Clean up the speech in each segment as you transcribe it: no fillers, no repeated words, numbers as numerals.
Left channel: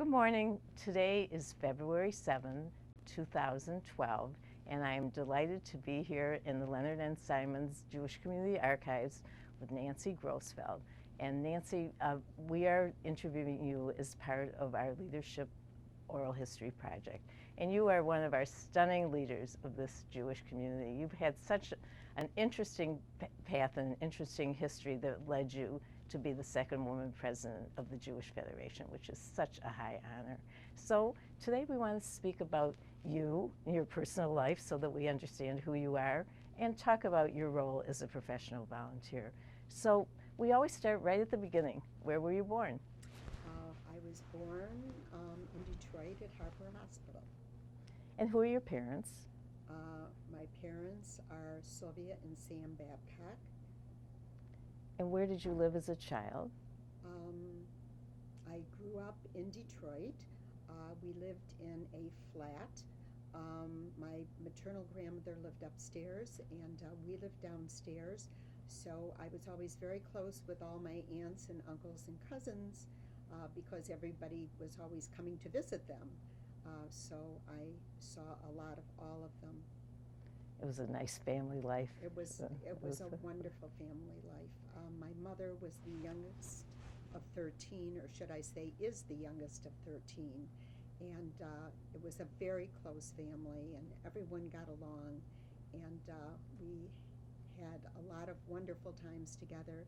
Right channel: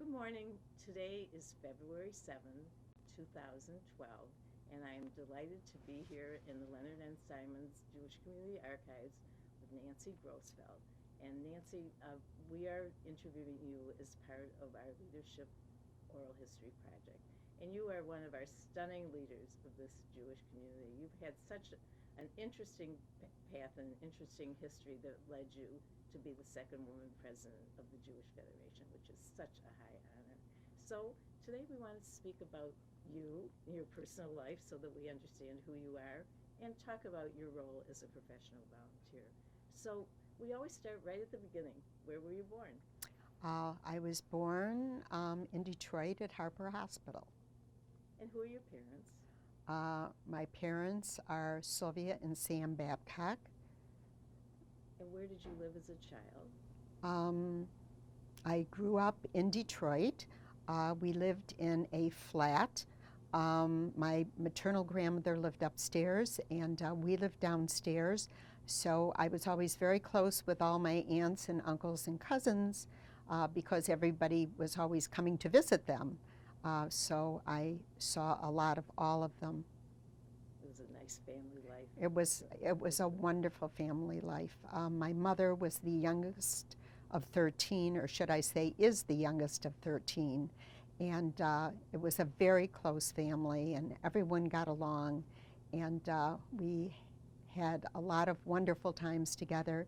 Good morning. Today is February 7, 2012, and I am delighted to be here in the Leonard N. Simon's Jewish Community Archives with Nancy Grossfeld. And Nancy, we are interviewing you as part of our Leadership Oral History Project. And you are one of our stunning leaders of this Jewish community. You've had such an interesting path and an interesting history that led you to be the second woman president of the Jewish Federation, which is such a high honor. So today we want to speak about you, your personal life, so that we understand who you are, and talk about your role as a professional volunteer. So we always start right at the beginning. Where were you born? I was born in Detroit at Harper Hospital. And who are your parents? My parents are Sylvia and Sam Babcock. And where did you live as a child? I grew up in Detroit. We lived in a flat. My maternal grandmother lived upstairs, and we lived downstairs. So I was always very close with all my aunts and uncles and cousins because everybody was always coming to visit them. So I saw a lot of all of them. It was a nice family life. It was a wonderful family life. My mother was the youngest of 13, or should I say is the youngest of 13. And it was a very close family, and everyone got along. And we had a lot of wonderful times together.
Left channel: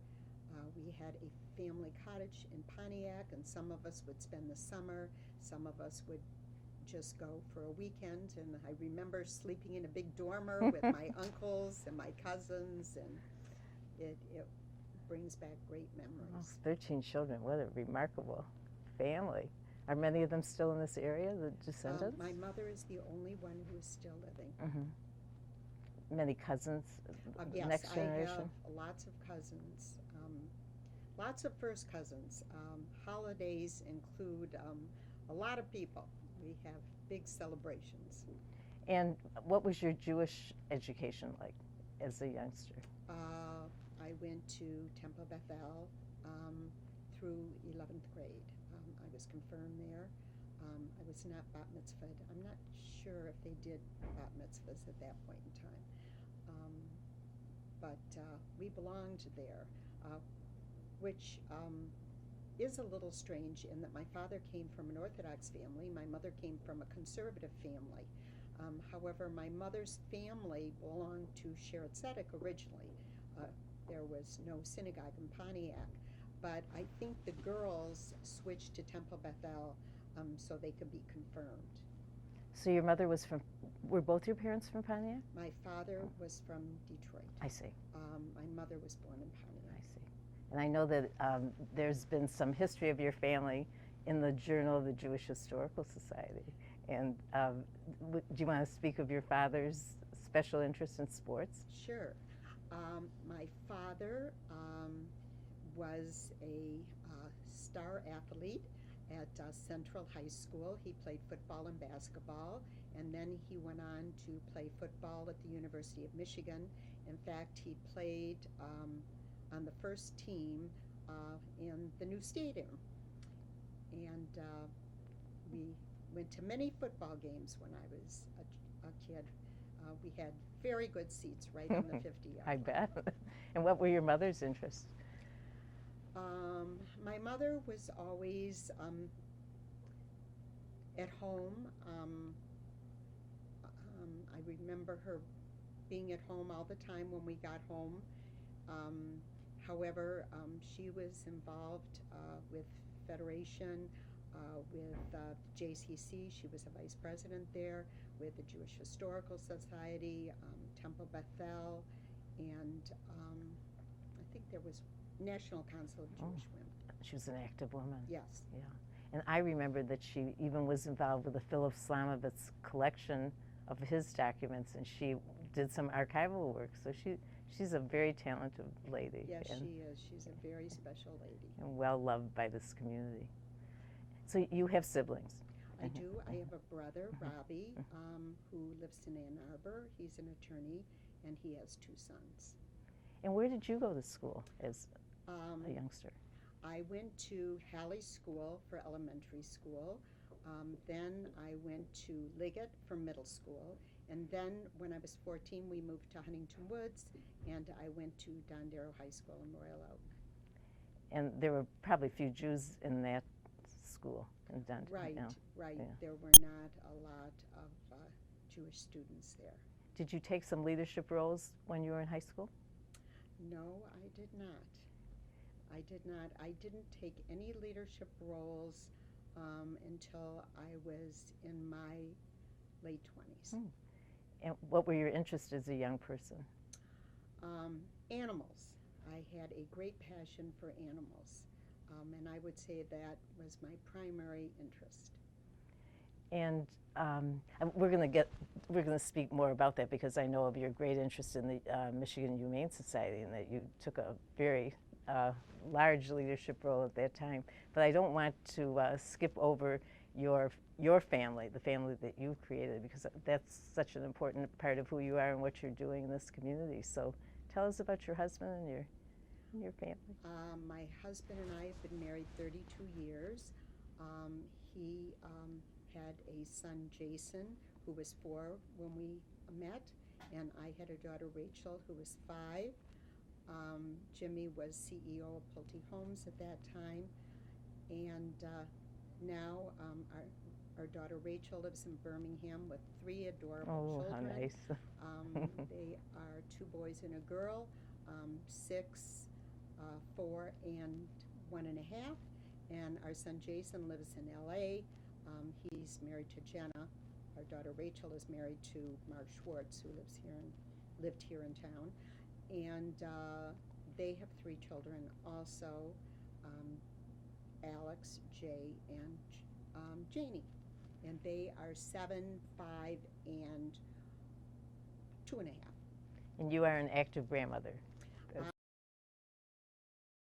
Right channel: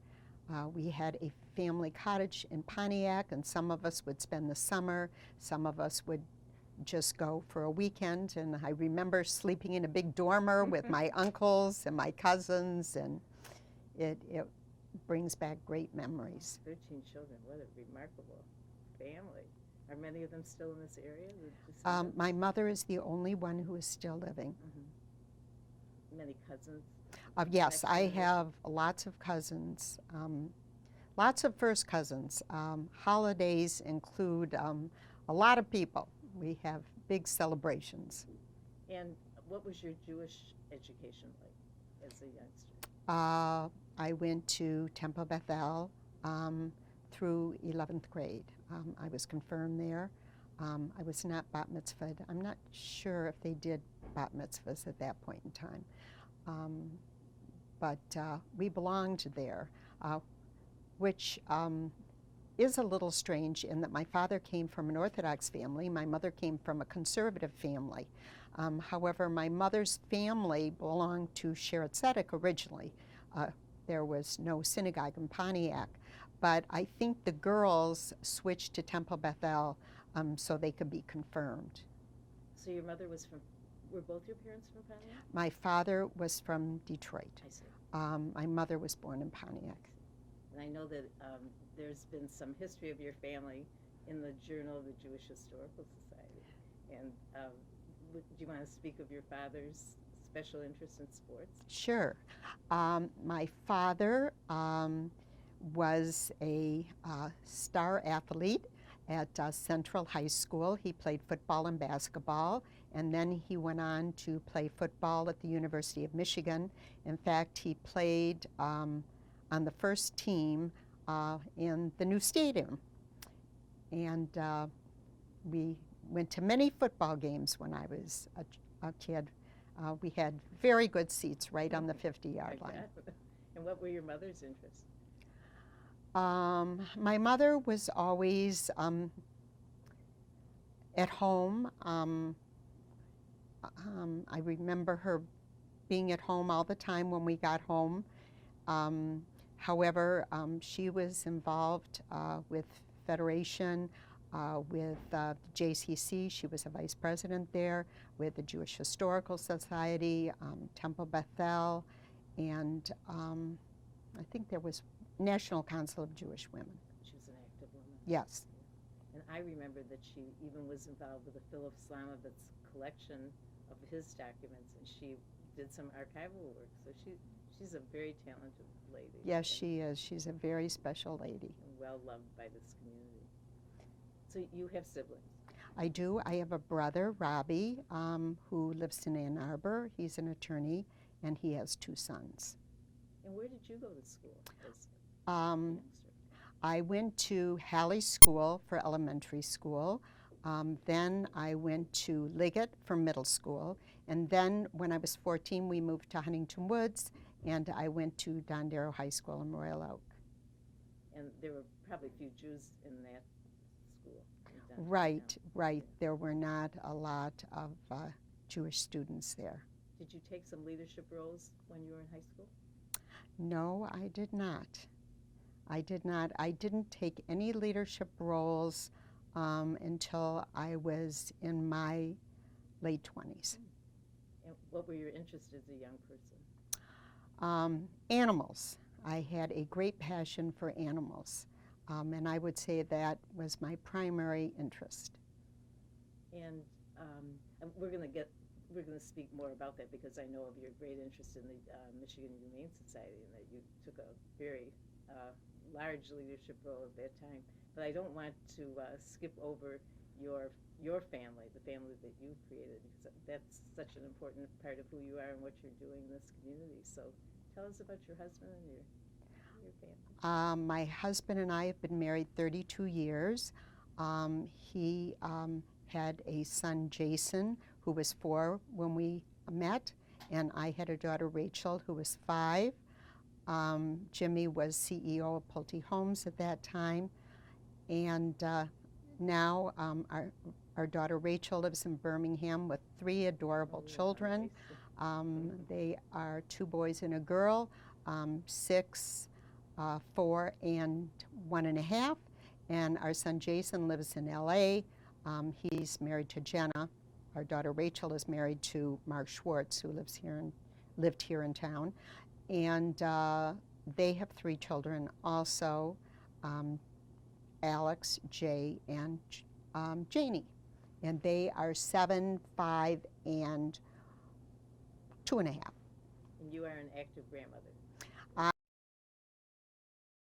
We had a family cottage in Pontiac, and some of us would spend the summer. Some of us would just go for a weekend, and I remember sleeping in a big dormer with my uncles and my cousins, and it brings back great memories. 13 children, what a remarkable family. Are many of them still in this area, the descendants? My mother is the only one who is still living. Mm-hmm. Many cousins? Yes, I have lots of cousins, lots of first cousins. Holidays include a lot of people. We have big celebrations. And what was your Jewish education like as a youngster? I went to Temple Bethel through 11th grade. I was confirmed there. I was not bat mitzvahed. I'm not sure if they did bat mitzvahs at that point in time. But we belonged there, which is a little strange in that my father came from an Orthodox family. My mother came from a conservative family. However, my mother's family belonged to Sheretz Tzedek originally. There was no synagogue in Pontiac, but I think the girls switched to Temple Bethel so they could be confirmed. So your mother was from, were both your parents from Pontiac? My father was from Detroit. I see. My mother was born in Pontiac. I see. And I know that there's been some history of your family in the Journal of the Jewish Historical Society. And do you want to speak of your father's special interest in sports? Sure. My father was a star athlete at Central High School. He played football and basketball, and then he went on to play football at the University of Michigan. In fact, he played on the first team in the new stadium. And we went to many football games when I was a kid. We had very good seats right on the 50-yard line. I bet. And what were your mother's interests? My mother was always at home. I remember her being at home all the time when we got home. However, she was involved with Federation, with JCC. She was a vice president there, with the Jewish Historical Society, Temple Bethel, and I think there was National Council of Jewish Women. She was an active woman. Yes. Yeah. And I remember that she even was involved with the Philip Slamovitz collection of his documents, and she did some archival work. So she's a very talented lady. Yes, she is. She's a very special lady. And well loved by this community. So you have siblings? I do. I have a brother, Robbie, who lives in Ann Arbor. He's an attorney, and he has 2 sons. And where did you go to school as a youngster? I went to Halley School for elementary school. Then I went to Liggett for middle school. And then when I was 14, we moved to Huntington Woods, and I went to Don Darrow High School in Royal Oak. And there were probably few Jews in that school. Right, Yeah. right. Yeah. There were not a lot of Jewish students there. Did you take some leadership roles when you were in high school? No, I did not. I did not. I didn't take any leadership roles until I was in my late 20s. And what were your interests as a young person? Animals. I had a great passion for animals, and I would say that was my primary interest. And we're going to speak more about that because I know of your great interest in the Michigan Humane Society and that you took a very large leadership role at that time. But I don't want to skip over your family, the family that you created, because that's such an important part of who you are and what you're doing in this community. So tell us about your husband and your family. My husband and I have been married 32 years. He had a son, Jason, who was 4 when we met, and I had a daughter, Rachel, who was 5. Jimmy was CEO of Pulte Homes at that time, and now our daughter Rachel lives in Birmingham with 3 adorable children. How nice. They are 2 boys and a girl, 6, 4, and 1.5. And our son Jason lives in LA. He's married to Jenna. Our daughter Rachel is married to Mark Schwartz, who lived here in town. And they have 3 children also, Alex, Jay, and Janie. And they are 7, 5, and 2.5. And you are an active grandmother.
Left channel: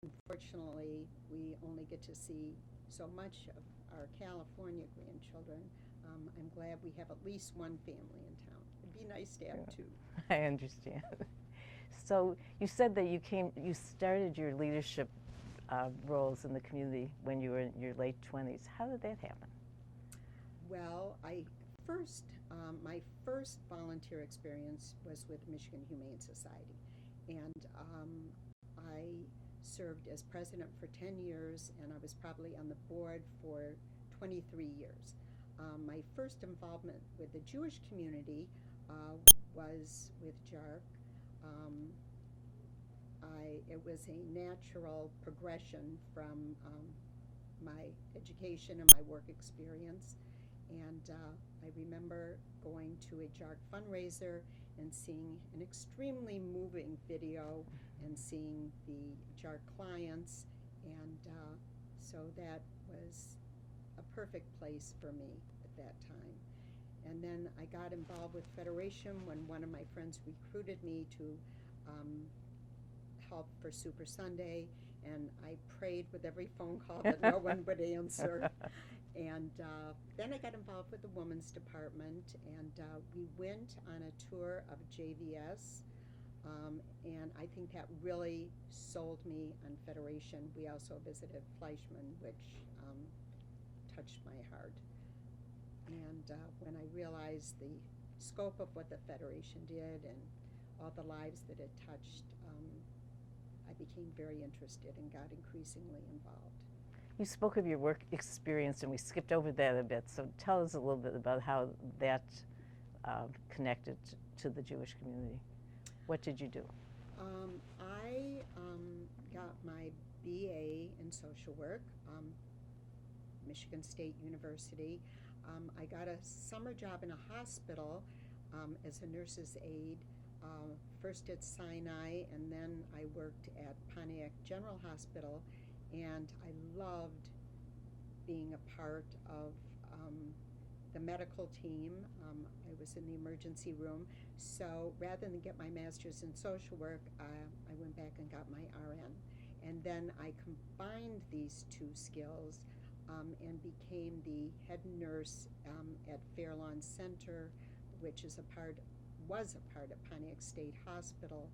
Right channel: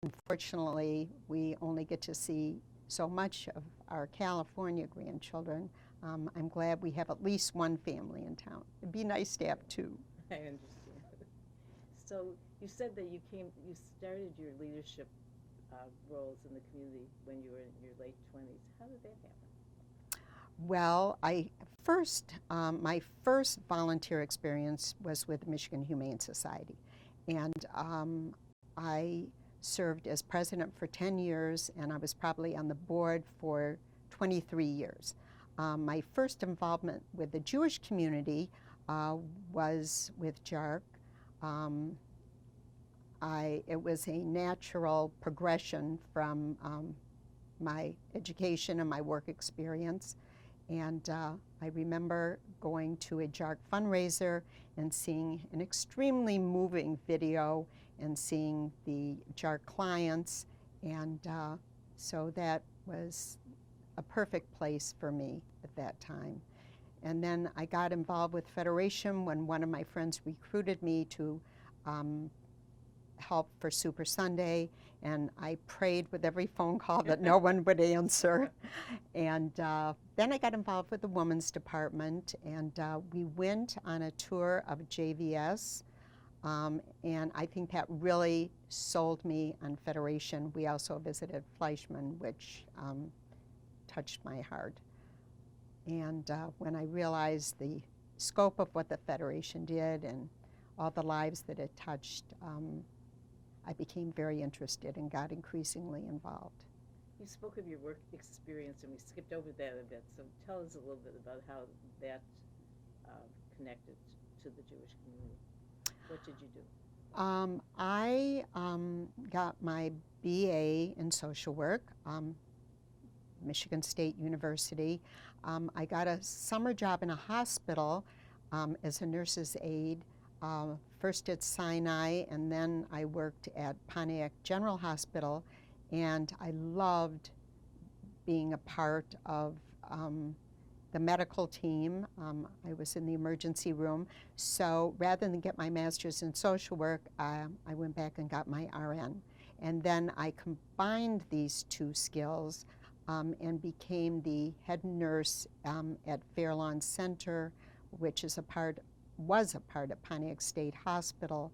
Unfortunately, we only get to see so much of our California grandchildren. I'm glad we have at least 1 family in town. It'd be nice to have 2. I understand. So you said that you started your leadership roles in the community when you were in your late 20s. How did that happen? Well, my first volunteer experience was with the Michigan Humane Society, and I served as president for 10 years, and I was probably on the board for 23 years. My first involvement with the Jewish community was with JARC. It was a natural progression from my education and my work experience. And I remember going to a JARC fundraiser and seeing an extremely moving video and seeing the JARC clients. And so that was a perfect place for me at that time. And then I got involved with Federation when one of my friends recruited me to help for Super Sunday, and I prayed with every phone call that no one would answer. And then I got involved with the Women's Department, and we went on a tour of JVS, and I think that really sold me on Federation. We also visited Fleischman, which touched my heart. And when I realized the scope of what the Federation did and all the lives that it touched, I became very interested and got increasingly involved. You spoke of your work experience, and we skipped over that a bit, so tell us a little bit about how that connected to the Jewish community. What did you do? I got my BA in social work, Michigan State University. I got a summer job in a hospital as a nurse's aide, first at Sinai, and then I worked at Pontiac General Hospital, and I loved being a part of the medical team. I was in the emergency room, so rather than get my master's in social work, I went back and got my RN. And then I combined these 2 skills and became the head nurse at Fairlawn Center, which was a part of Pontiac State Hospital,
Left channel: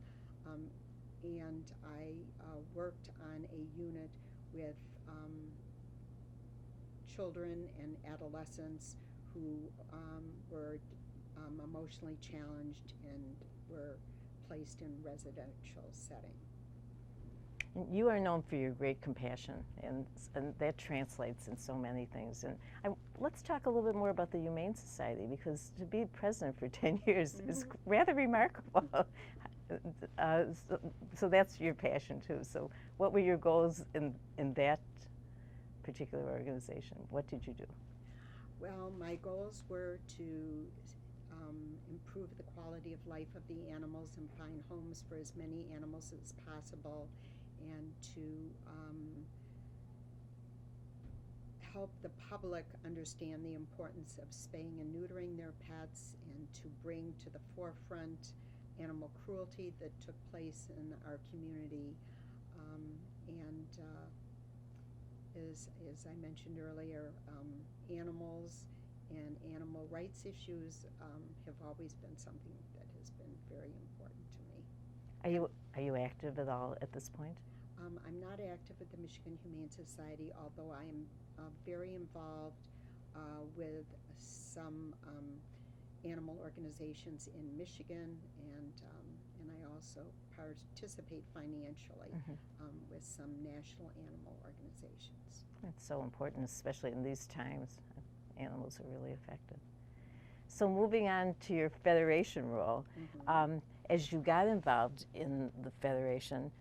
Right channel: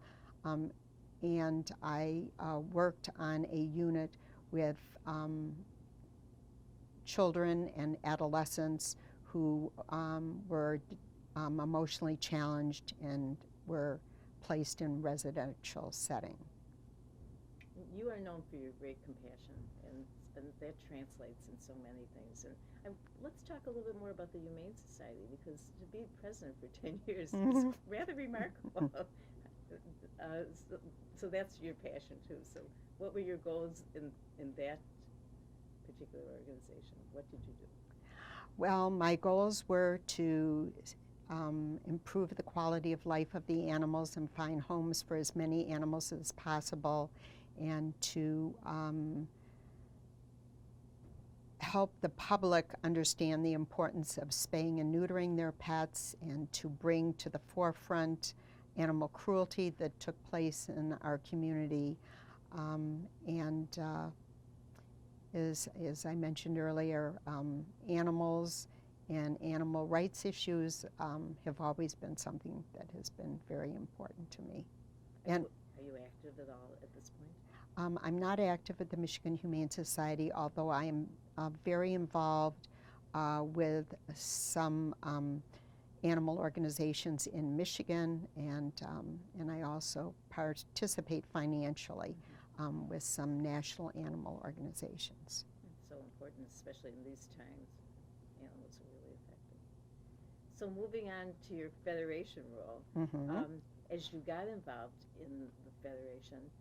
and I worked on a unit with children and adolescents who were emotionally challenged and were placed in residential setting. You are known for your great compassion, and that translates in so many things. And let's talk a little bit more about the Humane Society, because to be president for 10 years is rather remarkable. So that's your passion too. So what were your goals in that particular organization? What did you do? Well, my goals were to improve the quality of life of the animals and find homes for as many animals as possible, and to help the public understand the importance of spaying and neutering their pets, and to bring to the forefront animal cruelty that took place in our community. As I mentioned earlier, animals and animal rights issues have always been something that has been very important to me. Are you active at all at this point? I'm not active at the Michigan Humane Society, although I am very involved with some animal organizations in Michigan, and I also participate financially with some national animal organizations. It's so important, especially in these times. Animals are really affected. So moving on to your federation role, as you got involved in the federation,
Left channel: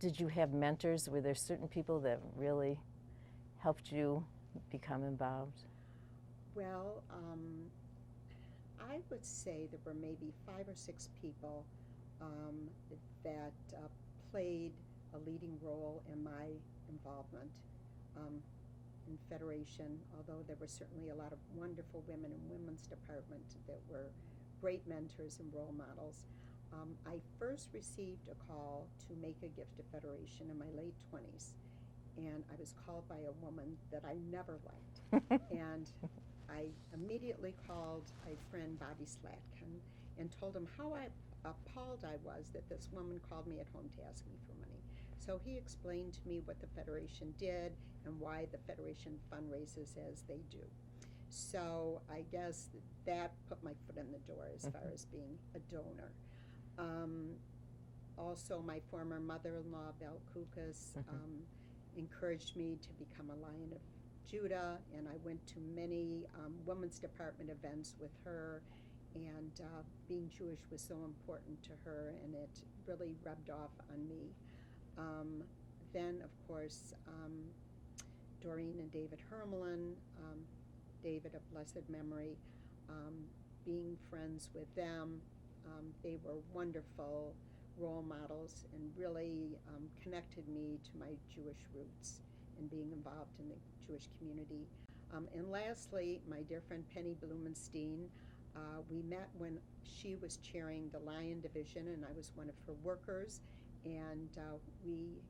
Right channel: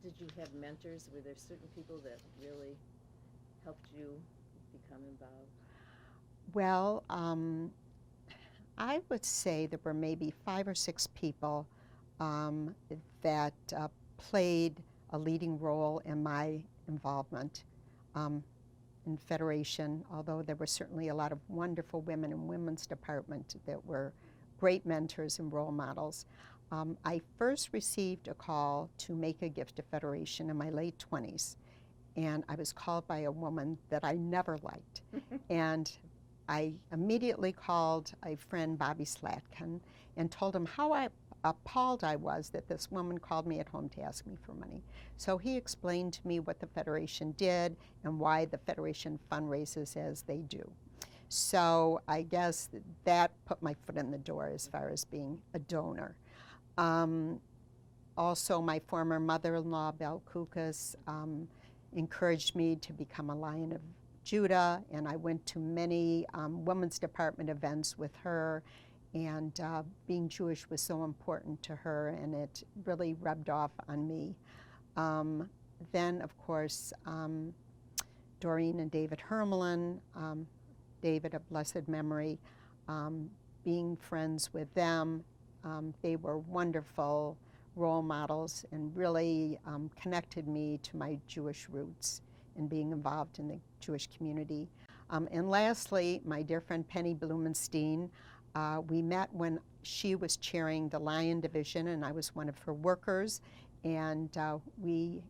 did you have mentors? Were there certain people that really helped you become involved? Well, I would say there were maybe 5 or 6 people that played a leading role in my involvement in Federation, although there were certainly a lot of wonderful women in Women's Department that were great mentors and role models. I first received a call to make a gift to Federation in my late 20s, and I was called by a woman that I never liked. And I immediately called a friend, Bobby Slatkin, and told him how appalled I was that this woman called me at home to ask me for money. So he explained to me what the Federation did and why the Federation fundraises as they do. So I guess that put my foot in the door as far as being a donor. Also, my former mother-in-law, Belle Kukas, encouraged me to become a Lion of Judah, and I went to many Women's Department events with her, and being Jewish was so important to her, and it really rubbed off on me. Then, of course, Doreen and David Hermelin, David of blessed memory, being friends with them, they were wonderful role models and really connected me to my Jewish roots and being involved in the Jewish community. And lastly, my dear friend Penny Blumenstein, we met when she was chairing the Lion Division and I was one of her workers, and we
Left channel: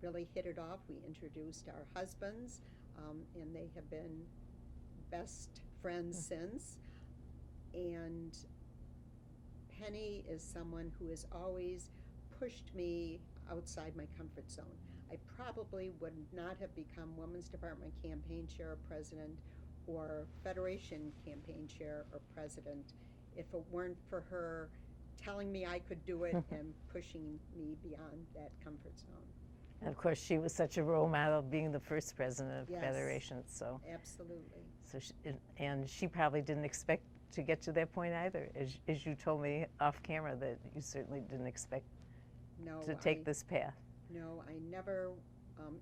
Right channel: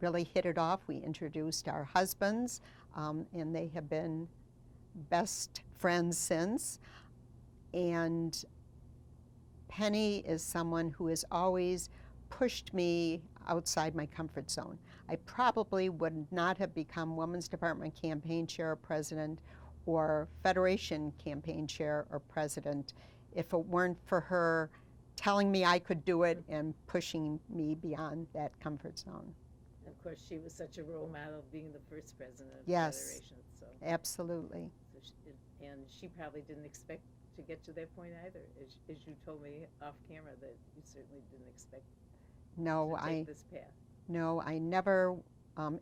really hit it off. We introduced our husbands, and they have been best friends since. And Penny is someone who has always pushed me outside my comfort zone. I probably would not have become Women's Department campaign chair or president or Federation campaign chair or president if it weren't for her telling me I could do it and pushing me beyond that comfort zone. And of course, she was such a role model, being the first president of Federation. So absolutely. So she probably didn't expect to get to that point either, as you told me off camera that you certainly didn't expect to take this path. No, I never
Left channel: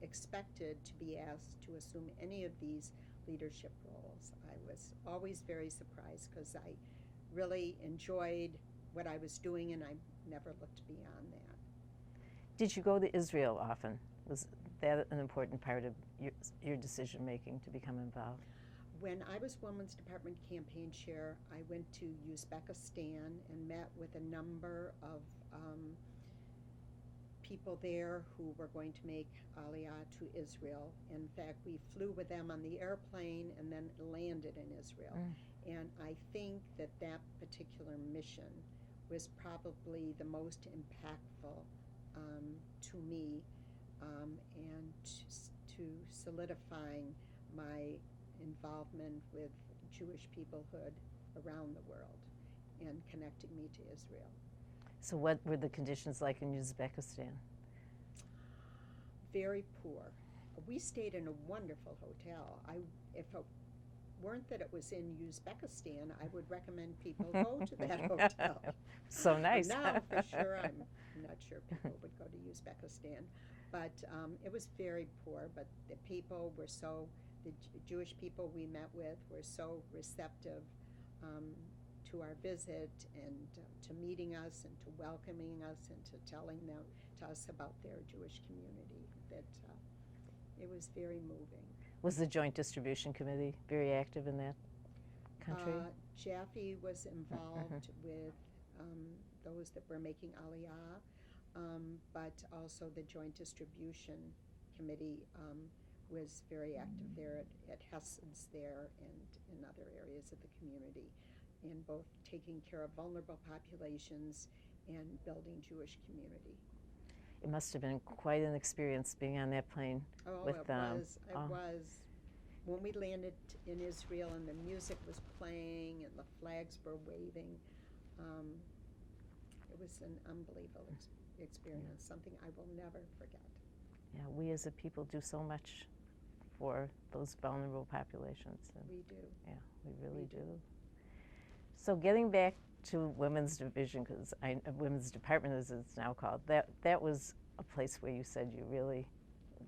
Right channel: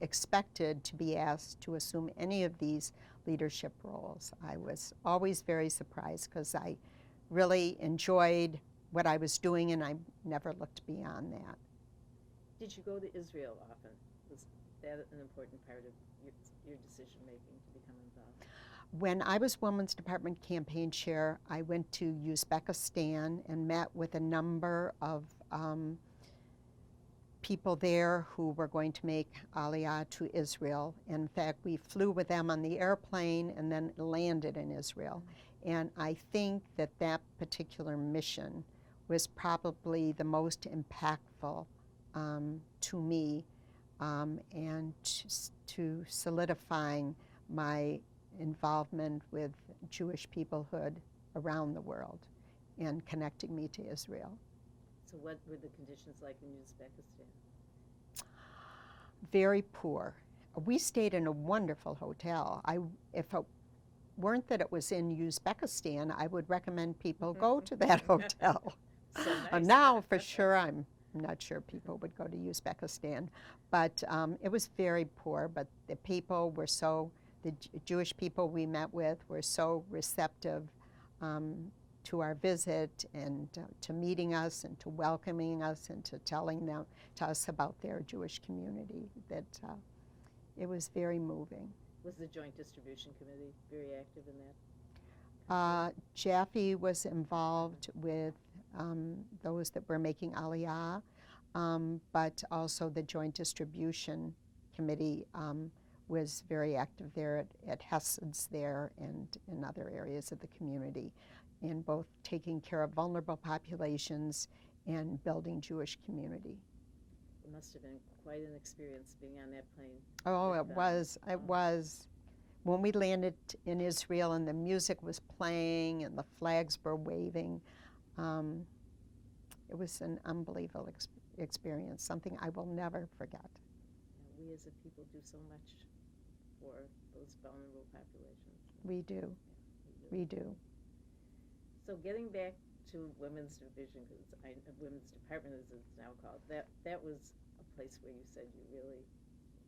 expected to be asked to assume any of these leadership roles. I was always very surprised because I really enjoyed what I was doing, and I never looked beyond that. Did you go to Israel often? Was that an important part of your decision making to become involved? When I was Women's Department campaign chair, I went to Uzbekistan and met with a number of people there who were going to make Aliyah to Israel. In fact, we flew with them on the airplane and then landed in Israel. And I think that that particular mission was probably the most impactful to me and to solidifying my involvement with Jewish peoplehood around the world and connecting me to Israel. So what were the conditions like in Uzbekistan? Very poor. We stayed in a wonderful hotel. If it weren't that it was in Uzbekistan, I would recommend people go to that hotel. So nice. Now, for sure, I'm not sure people would go to Uzbekistan. But it was very poor, but the people were the Jewish people we met with were so receptive to our visit and to meeting us and to welcoming us and to telling to us about their Jewish community, that it was very moving. Was the Joint Distribution Committee very active in that country? Jaffe was involved with those that were making Aliyah, but also the Joint Distribution Committee was very active there at Hessed's there and in other areas of the community, in both taking care of vulnerable populations and building Jewish community. It must have been quite an experience being on that plane. Oh, with it was. It was. When we landed in Israel and the music was playing and the flags were waving, it was an unbelievable experience, something I will never forget. Yeah, we as a people do so much for those vulnerable populations. We do. Yeah, we really do. So getting back to Women's Division, because Women's Department as it's now called, that was a place where you said you really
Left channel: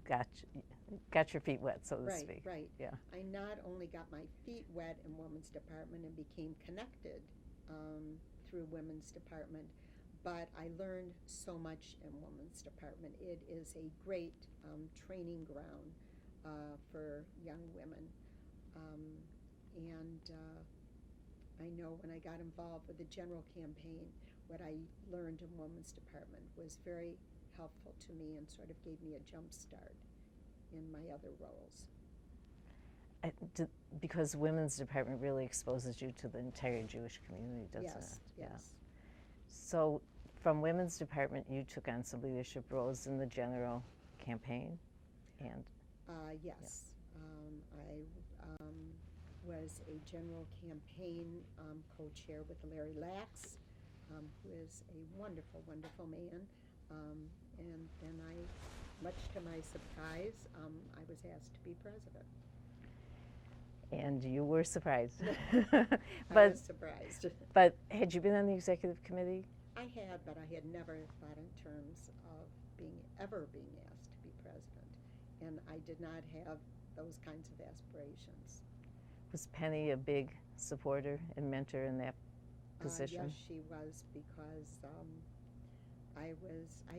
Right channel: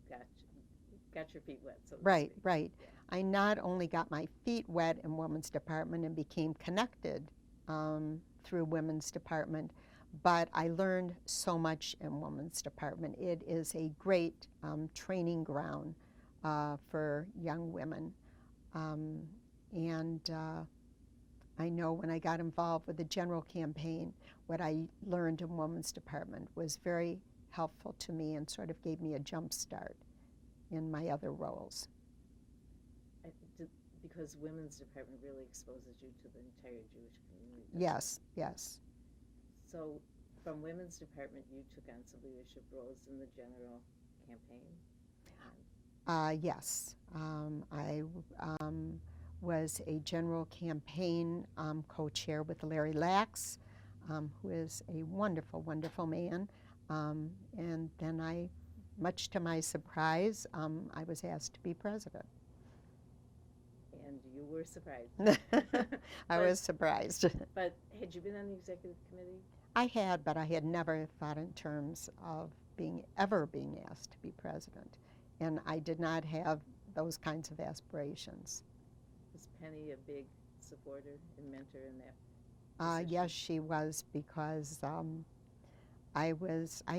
got your feet wet, so to speak. Right. Yeah. I not only got my feet wet in Women's Department and became connected through Women's Department, but I learned so much in Women's Department. It is a great training ground for young women. I know when I got involved with the general campaign, what I learned in Women's Department was very helpful to me and sort of gave me a jump start in my other roles. Because Women's Department really exposes you to the entire Jewish community, doesn't Yes, it? yes. So from Women's Department, you took on some leadership roles in the general campaign? Yes. I was a general campaign co-chair with Larry Lax, who is a wonderful, wonderful man. And then much to my surprise, I was asked to be president. And you were surprised. I was surprised. But had you been on the executive committee? I had, but I had never thought in terms of ever being asked to be president. And I did not have those kinds of aspirations. Was Penny a big supporter and mentor in that position? Yes, she was, because I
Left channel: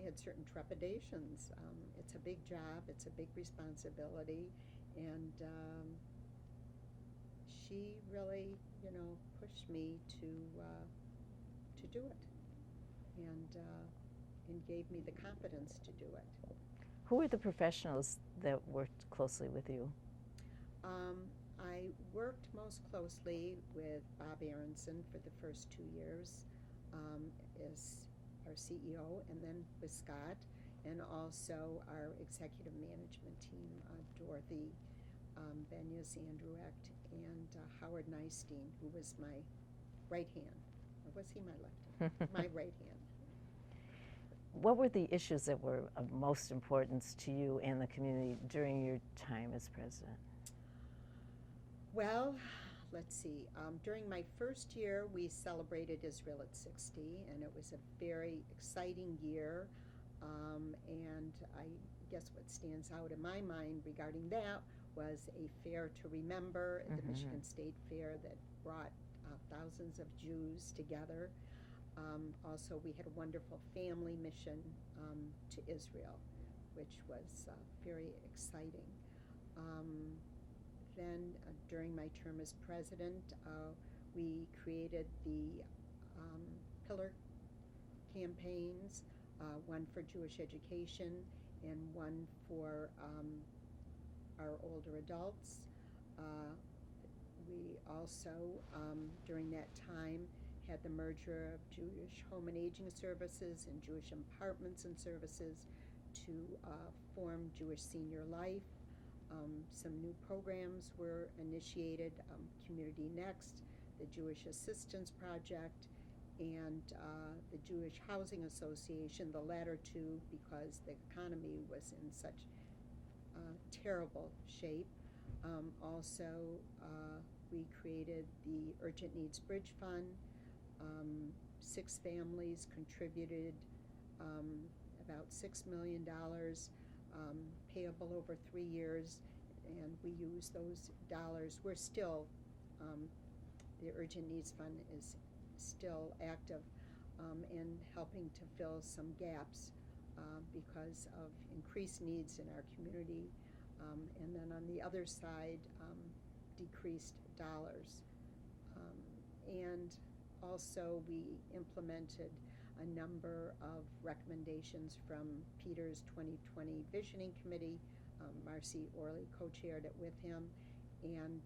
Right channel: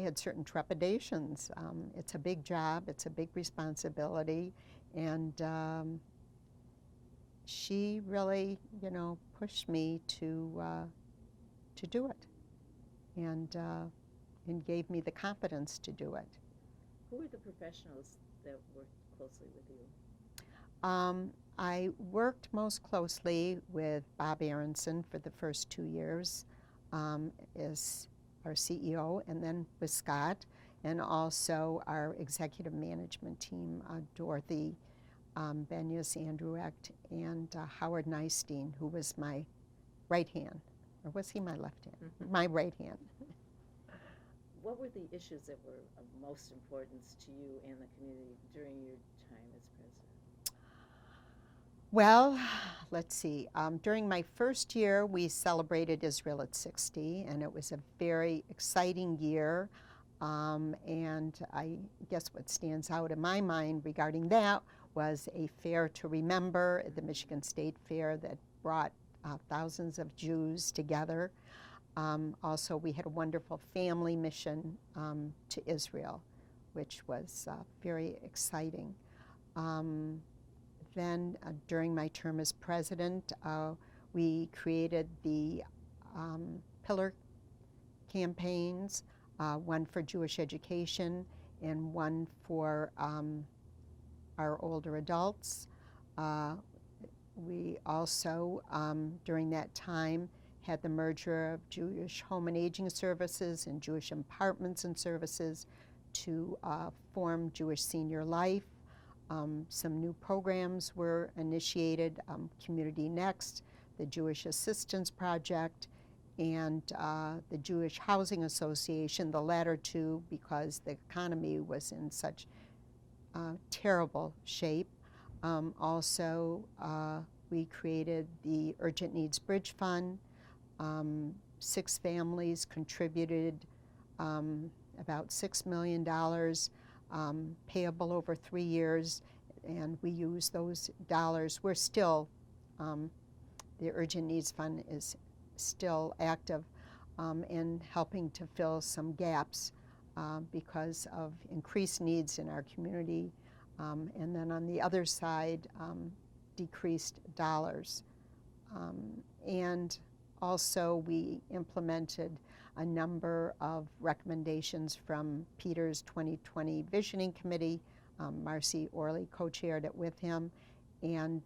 had certain trepidations. It's a big job, it's a big responsibility, and she really, pushed me to do it, and gave me the confidence to do it. Who were the professionals that worked closely with you? I worked most closely with Bob Aronson for the first 2 years as our CEO, and then with Scott, and also our executive management team, Dorothy Benyus, Andrew Echt, and Howard Enstein, who was my right hand. Or was he my left hand? My right hand. What were the issues that were of most importance to you and the community during your time as president? Well, let's see. During my first year, we celebrated Israel at 60, and it was a very exciting year. And I guess what stands out in my mind regarding that was a fair to remember, the Michigan State Fair, that brought thousands of Jews together. Also, we had a wonderful family mission to Israel, which was very exciting. Then, during my term as president, we created the pillar campaigns, one for Jewish education and one for our older adults. We also, during that time, had the merger of Jewish Home and Aging Services and Jewish Apartments and Services to form Jewish Senior Life. Some new programs were initiated, Community Next, the Jewish Assistance Project, and the Jewish Housing Association, the latter two because the economy was in such terrible shape. Also, we created the Urgent Needs Bridge Fund. 6 families contributed about $6 million, payable over 3 years, and we use those dollars. We're still, the Urgent Needs Fund is still active in helping to fill some gaps because of increased needs in our community, and then on the other side, decreased dollars. And also we implemented a number of recommendations from Peter's 2020 Visioning Committee. Marcy Orley co-chaired it with him, and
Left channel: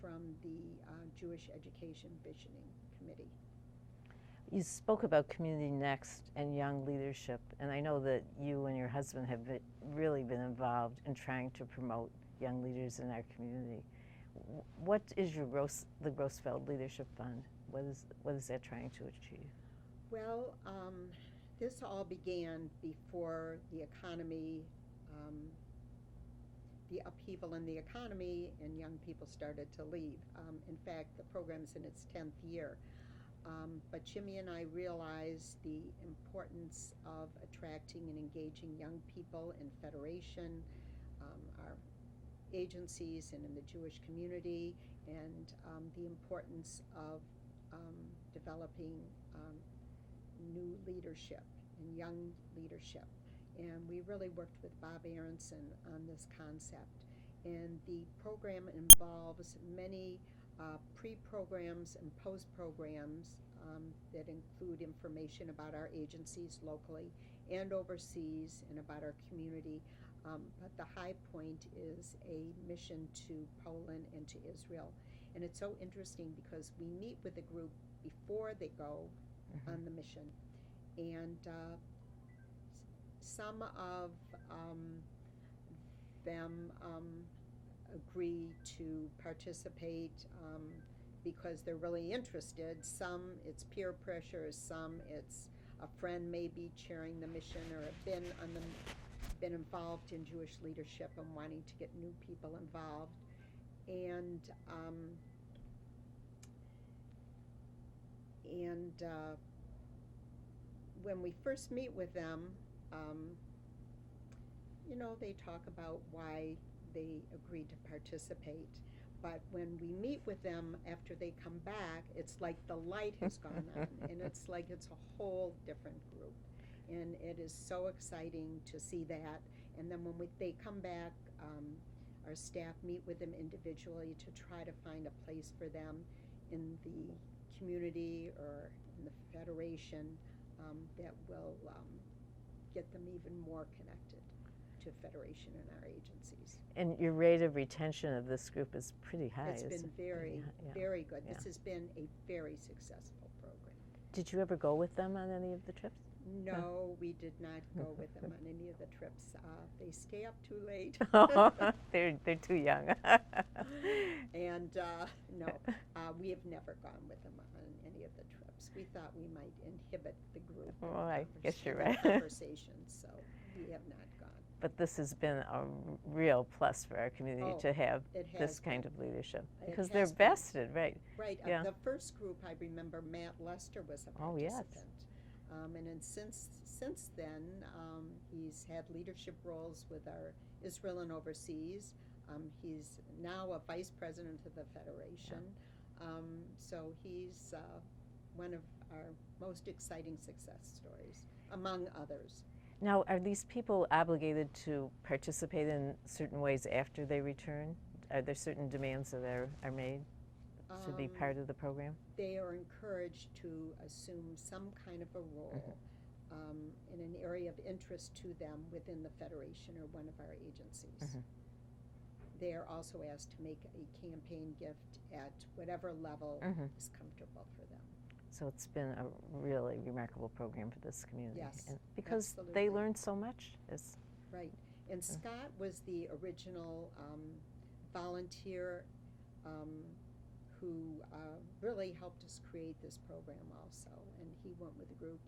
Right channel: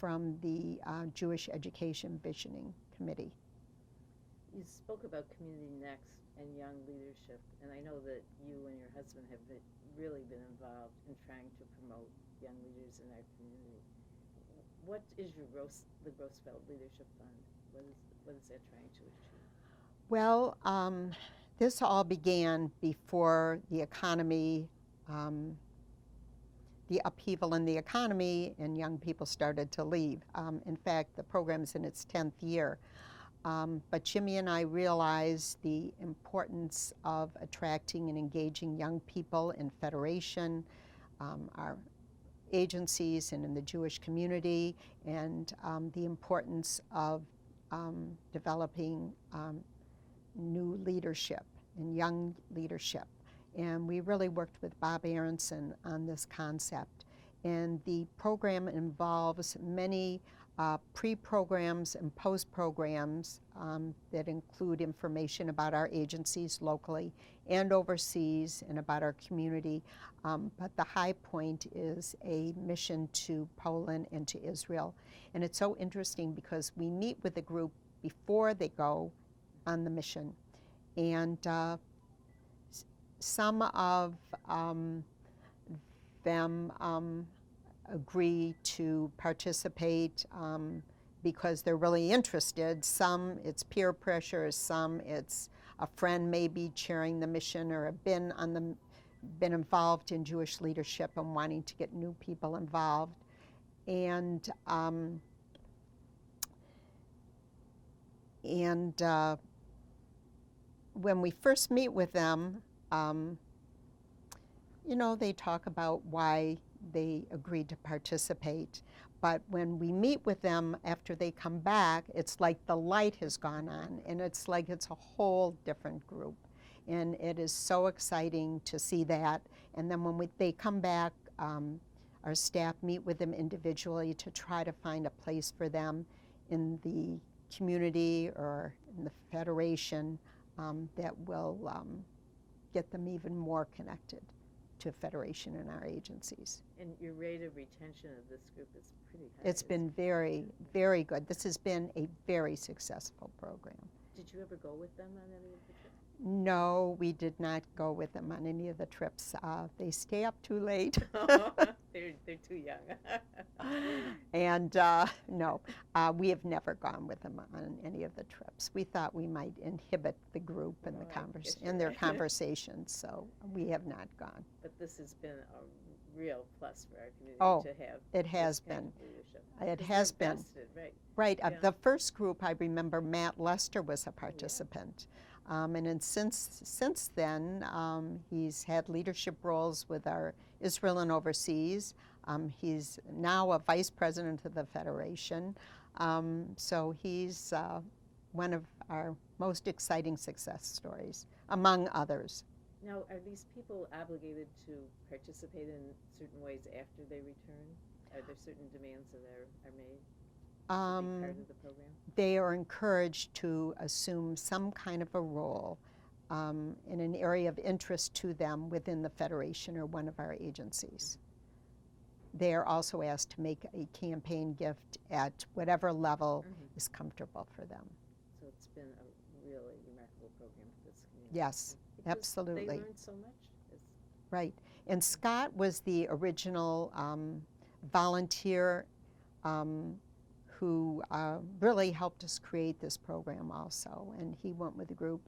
from the Jewish Education Visioning Committee. You spoke about Community Next and young leadership, and I know that you and your husband have really been involved in trying to promote young leaders in our community. What is the Grossfeld Leadership Fund? What is that trying to achieve? Well, this all began before the economy, the upheaval in the economy, and young people started to leave. In fact, the program's in its 10th year. But Jimmy and I realized the importance of attracting and engaging young people in Federation, our agencies, and in the Jewish community, and the importance of developing new leadership and young leadership. And we really worked with Bob Aronson on this concept. And the program involves many pre-programs and post-programs that include information about our agencies locally and overseas and about our community. But the high point is a mission to Poland and to Israel. And it's so interesting because we meet with the group before they go on the mission. And some of them agree to participate because they're really interested. Some it's peer pressure, some it's a friend maybe chairing the mission or have been involved in Jewish leadership and wanting to get new people involved. And when we first meet with them, you know, they talk about why they agreed to participate. But when we meet with them after they come back, it's like the light has gone on, and it's like it's a whole different group. And it is so exciting to see that. And then when they come back, our staff meet with them individually to try to find a place for them in the community or in the Federation that will get them even more connected to Federation and our agencies. And your rate of retention of this group is pretty high. It's been very, very good. This has been a very successful program. Did you ever go with them on any of the trips? No, we did not go with them on any of the trips. They stay up too late. They're too young. And no, we have never gone with them on any of the trips. We thought we might inhibit the group and their conversations, so we have not gone. But this has been a real plus for our community to have this kind of leadership. It has been. They're vested, right? Right. The first group, I remember Matt Lester was a participant. And then since then, he's had leadership roles with our Israel and overseas. He's now a vice president of the Federation. So he's one of our most exciting success stories, among others. Now, are these people obligated to participate in certain ways after they return? Are there certain demands that are made to be part of the program? They are encouraged to assume some kind of a role in an area of interest to them within the Federation or one of our agencies. They are also asked to make a campaign gift at whatever level is comfortable for them. So it's been a really remarkable program for this community. Yes, And because absolutely. they learn so much. Right. And Scott was the original volunteer who really helped us create this program also. And he went with the group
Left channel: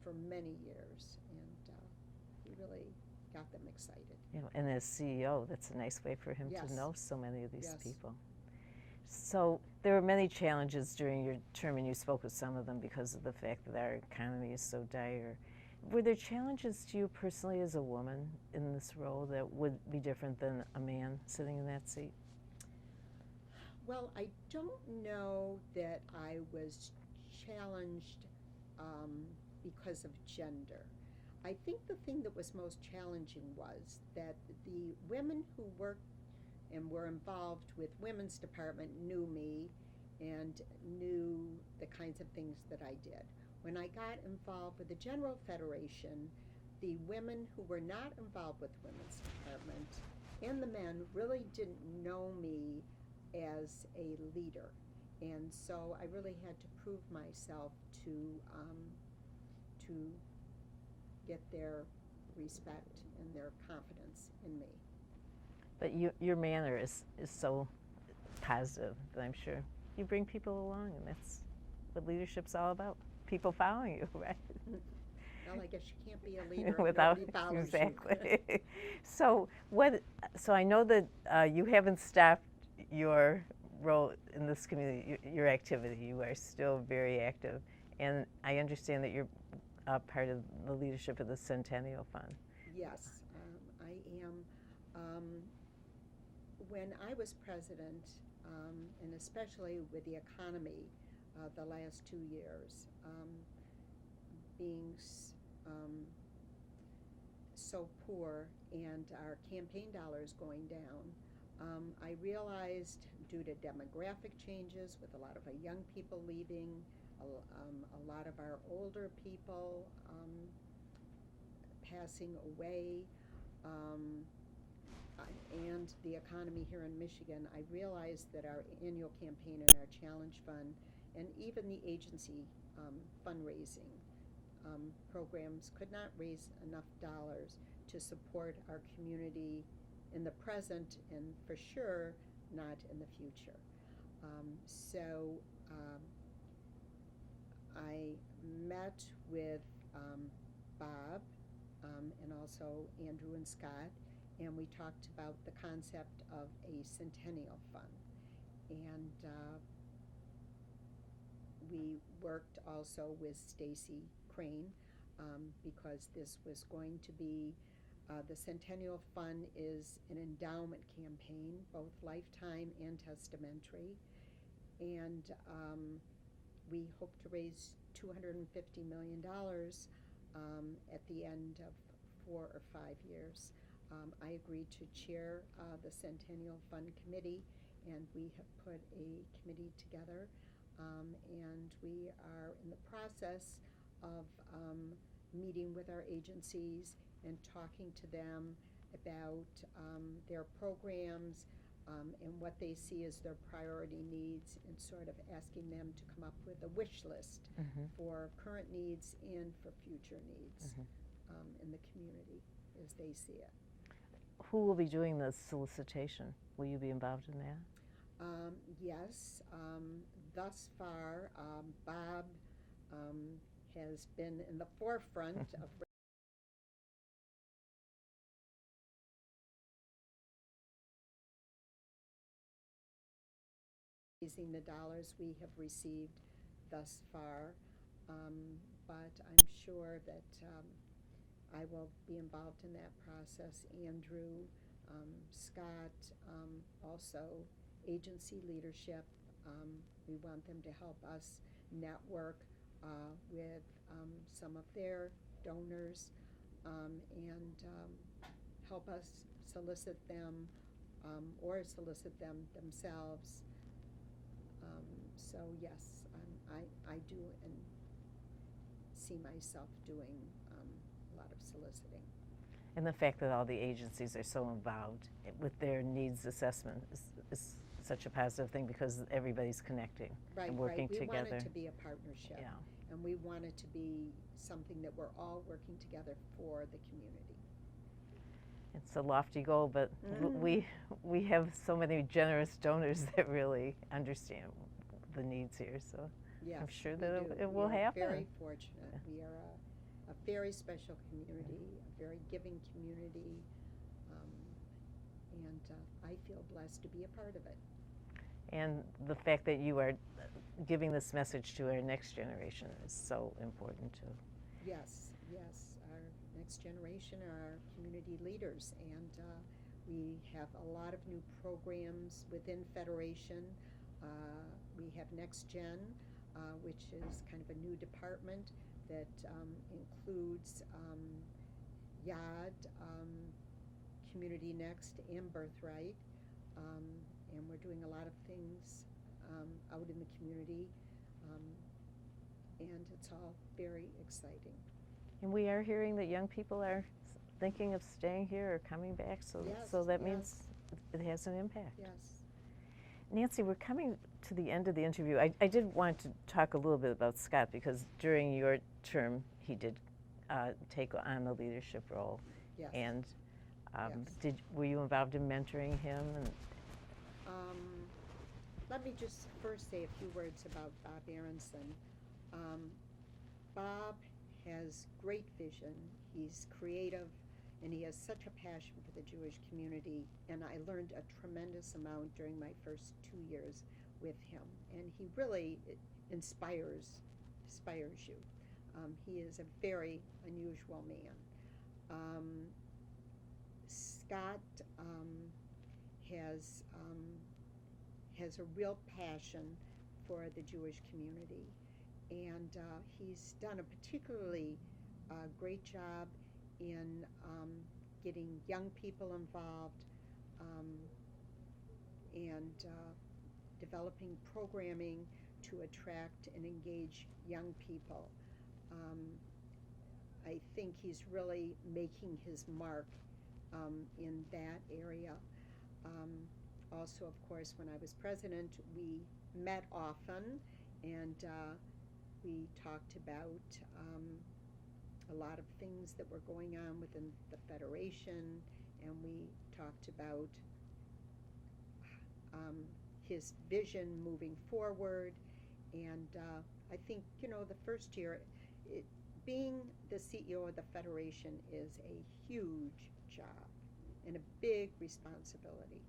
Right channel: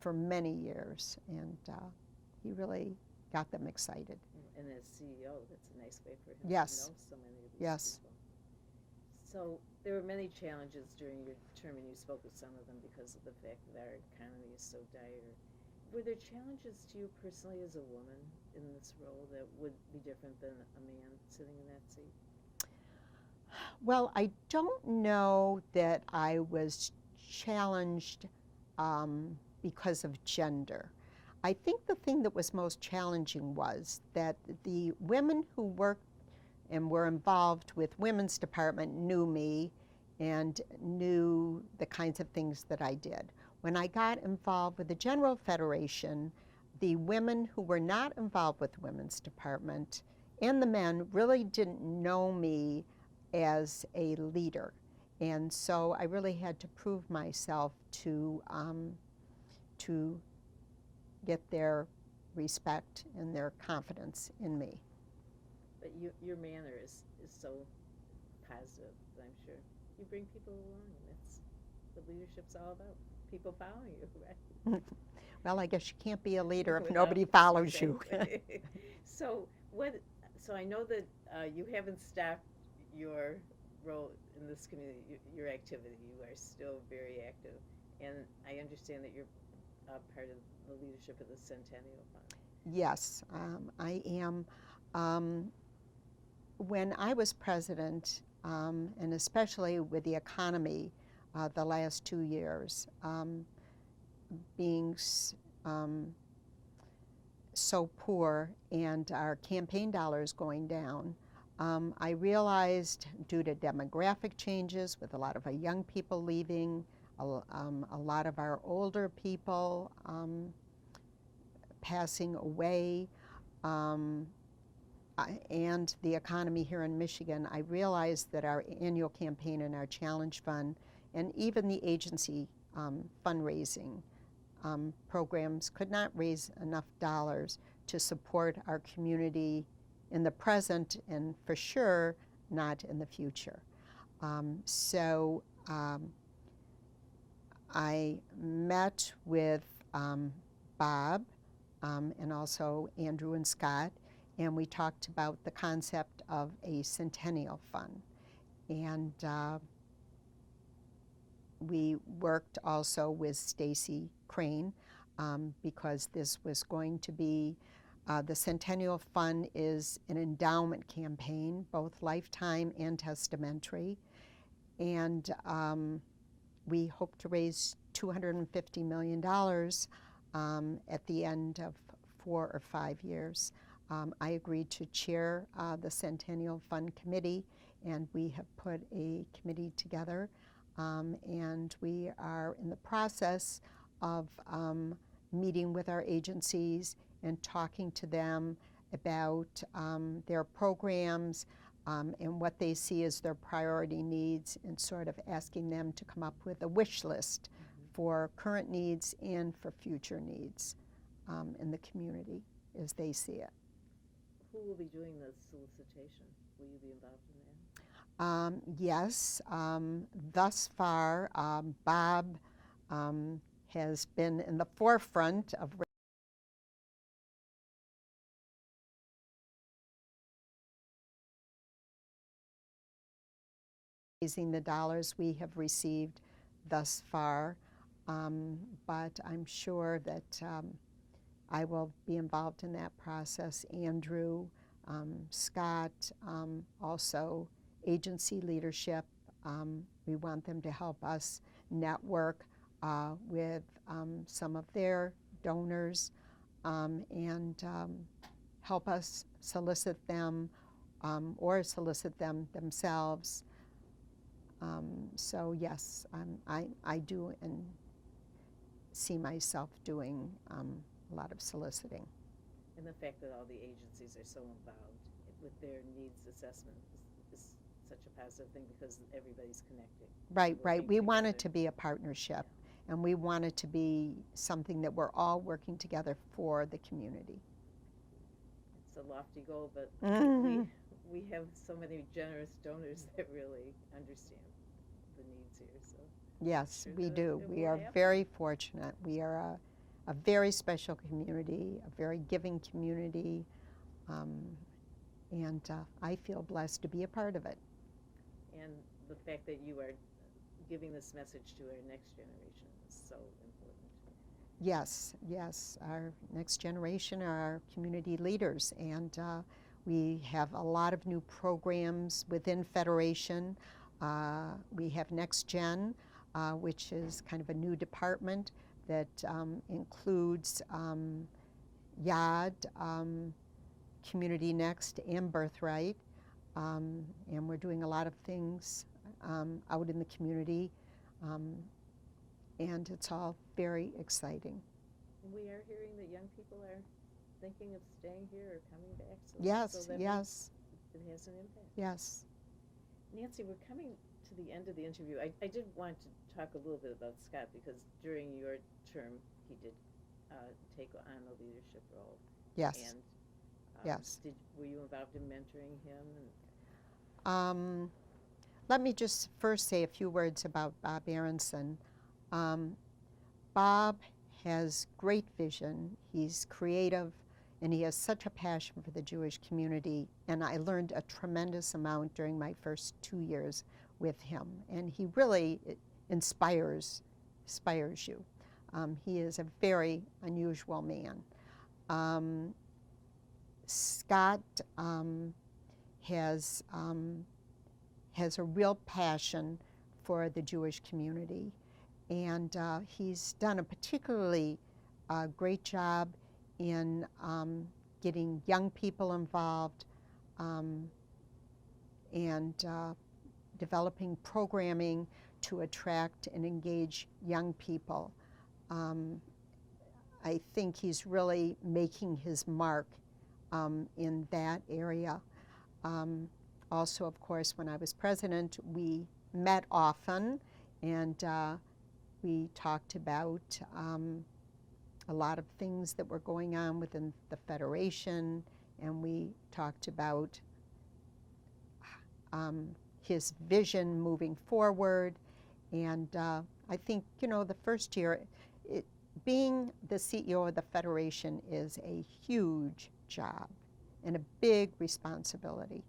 for many years, and he really got them excited. You know, and as CEO, that's a nice way for him Yes. to know so many of these Yes. people. So there were many challenges during your term, and you spoke of some of them because of the fact that our economy is so dire. Were there challenges to you personally as a woman in this role that would be different than a man sitting in that seat? Well, I don't know that I was challenged because of gender. I think the thing that was most challenging was that the women who worked and were involved with women's department knew me and knew the kinds of things that I did. When I got involved with the General Federation, the women who were not involved with the women's department and the men really didn't know me as a leader. And so I really had to prove myself to get their respect and their confidence in me. But your manner is so positive that I'm sure you bring people along, and that's what leadership's all about. People following you, right? Well, I guess you can't be a leader if Without- nobody follows you. exactly. So I know that you haven't stopped your role in this community, your activity. You are still very active, and I understand that you're part of the leadership of the Centennial Fund. Yes, I am. When I was president, and especially with the economy the last 2 years, being so poor and our campaign dollars going down, I realized due to demographic changes with a lot of our young people leaving, a lot of our older people passing away, and the economy here in Michigan, I realized that our annual campaign and our challenge fund and even the agency fundraising programs could not raise enough dollars to support our community in the present and for sure not in the future. So I met with Bob and also Andrew and Scott, and we talked about the concept of a Centennial Fund. And we worked also with Stacy Crane because this was going to be, the Centennial Fund is an endowment campaign, both lifetime and testamentary. And we hope to raise $250 million at the end of 4 or 5 years. I agreed to chair the Centennial Fund Committee, and we have put a committee together, and we are in the process of meeting with our agencies and talking to them about their programs and what they see as their priority needs, and sort of asking them to come up with a wish list for current needs and for future needs in the community as they see it. Who will be doing the solicitation? Will you be involved in that? Yes, thus far, Bob has been in the forefront of raising the dollars we have received thus far, but I'm sure that I will be involved in that process. Andrew, Scott, also agency leadership. We want them to help us network with some of their donors and help us solicit them or solicit them themselves. So yes, I do and see myself doing a lot of soliciting. And the fact that all the agencies are so involved with their needs assessment is such a positive thing because everybody's connecting. Right, right. Working We want it together. to be a partnership, Yeah. and we want it to be something that we're all working together for the community. It's a lofty goal, but Mhm. we have so many generous donors that really understand the needs here. So Yes, sure we that do. it We will are happen. very fortunate. We are a very special community, a very giving community, um, and I feel blessed to be a part of it. And the fact that you are giving this message to our next generation is so important too. Yes, yes. Our next generation are our community leaders, and we have a lot of new programs within Federation. We have Next Gen, which is kind of a new department that includes YAD, Community Next, and Birthright. And we're doing a lot of things out in the community. And it's all very exciting. And we are hearing that young people are thinking of staying here or coming back, so, Yes, so that yes. means it has an impact. Yes. Nancy, we're coming to the end of the interview. I did want to talk a little bit about Scott because during your term he did take on the leadership role. Yes. And Yes. were you involved in mentoring him? And Let me just first say a few words about Bob Aronson. Bob has great vision. He's creative, and he has such a passion for the Jewish community. And I learned a tremendous amount during my first 2 years with him. And he really inspires you. He is a very unusual man. Scott has a real passion for the Jewish community, and he's done a particularly great job in getting young people involved and developing programming to attract and engage young people. I think he's really making his mark in that area. Also, of course, when I was president, we met often, and we talked about a lot of things that were going on within the Federation, and we talked about his vision moving forward. And I think, the first year, being the CEO of the Federation is a huge job and a big responsibility.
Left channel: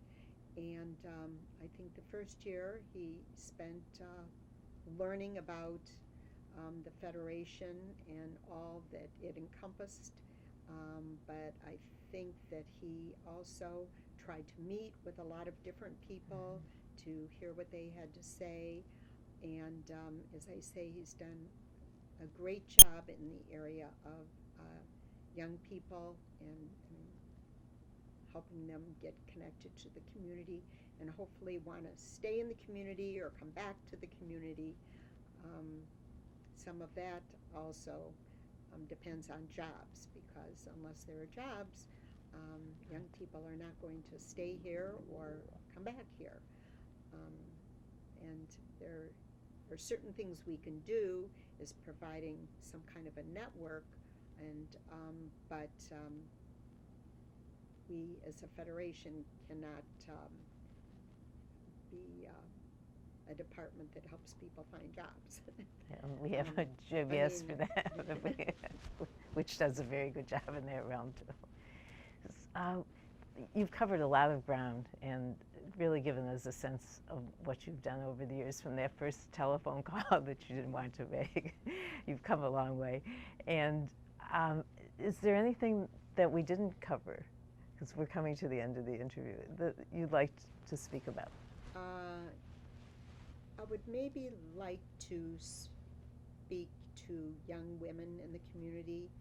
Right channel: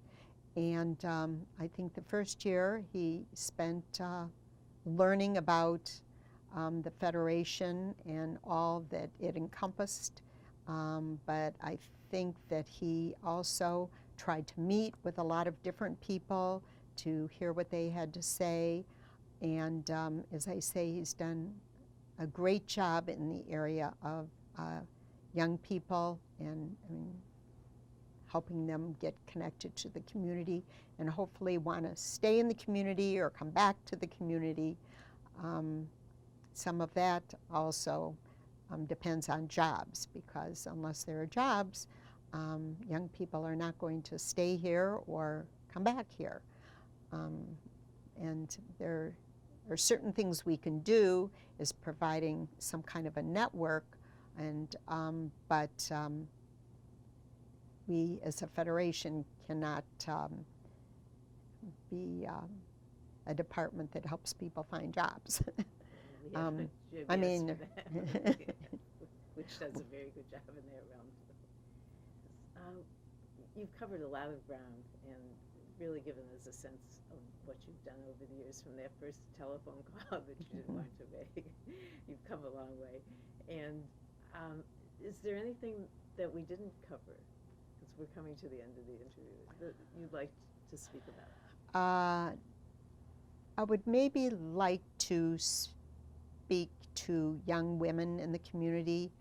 And I think the first year he spent learning about the Federation and all that it encompassed. But I think that he also tried to meet with a lot of different people to hear what they had to say. And as I say, he's done a great job in the area of young people and helping them get connected to the community and hopefully want to stay in the community or come back to the community. Some of that also depends on jobs, because unless there are jobs, young people are not going to stay here or come back here. And there are certain things we can do is providing some kind of a network, and but we as a federation cannot be a department that helps people find jobs. we have a I JBS mean, for that, which does a very good job in that realm too. You've covered a lot of ground and really given us a sense of what you've done over the years, from that first telephone call that you didn't want to make. You've come a long way. And is there anything that we didn't cover, because we're coming to the end of the interview, that you'd like to speak about? I would maybe like to speak to young women in the community.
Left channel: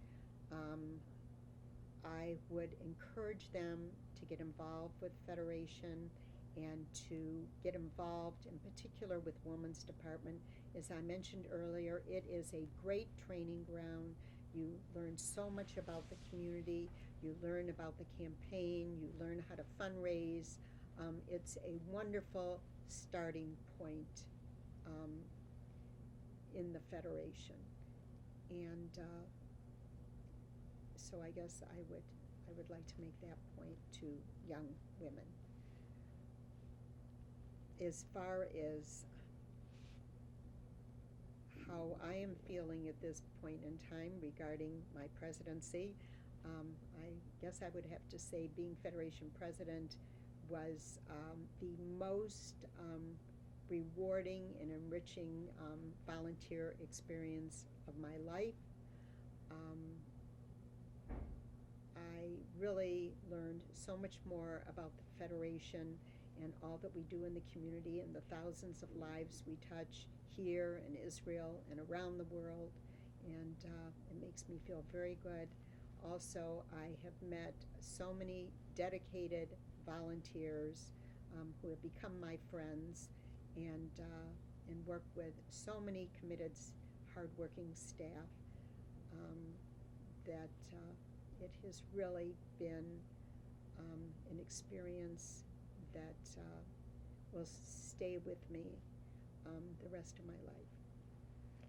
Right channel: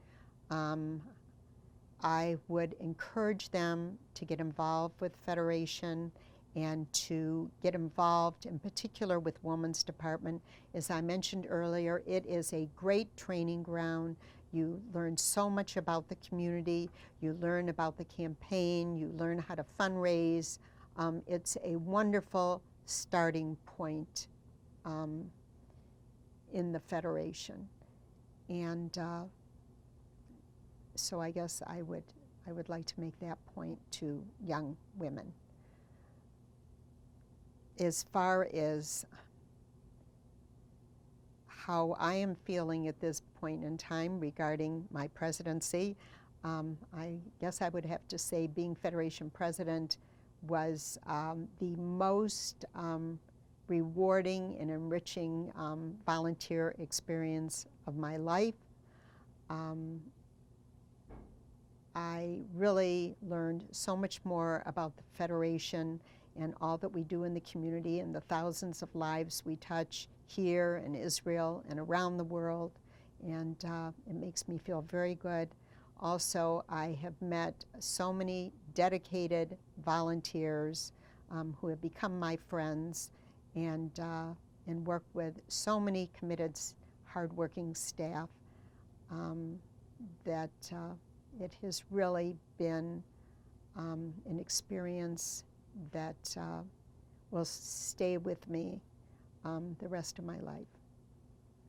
I would encourage them to get involved with Federation and to get involved in particular with Women's Department. As I mentioned earlier, it is a great training ground. You learn so much about the community. You learn about the campaign. You learn how to fundraise. It's a wonderful starting point in the Federation. And so I guess I would like to make that point to young women. As far as how I am feeling at this point in time regarding my presidency, I guess I would have to say being Federation president was the most rewarding and enriching volunteer experience of my life. I really learned so much more about the Federation and all that we do in the community and the thousands of lives we touch here in Israel and around the world, and it makes me feel very good. Also, I have met so many dedicated volunteers who have become my friends, and work with so many committed, hardworking staff that it has really been an experience that will stay with me the rest of my life.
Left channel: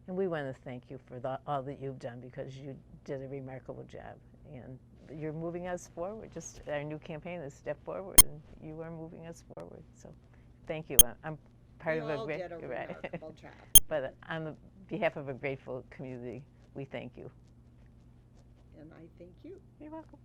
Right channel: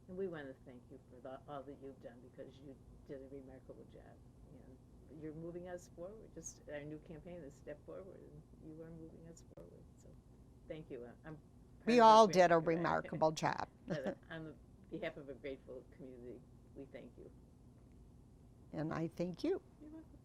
And we want to thank you for all that you've done, because you did a remarkable job. And you're moving us forward. Just our new campaign is Step Forward, and you are moving us forward. So thank you. I'm part We of all did a remarkable job. But on behalf of a grateful community, we thank you. And I thank you. You're welcome.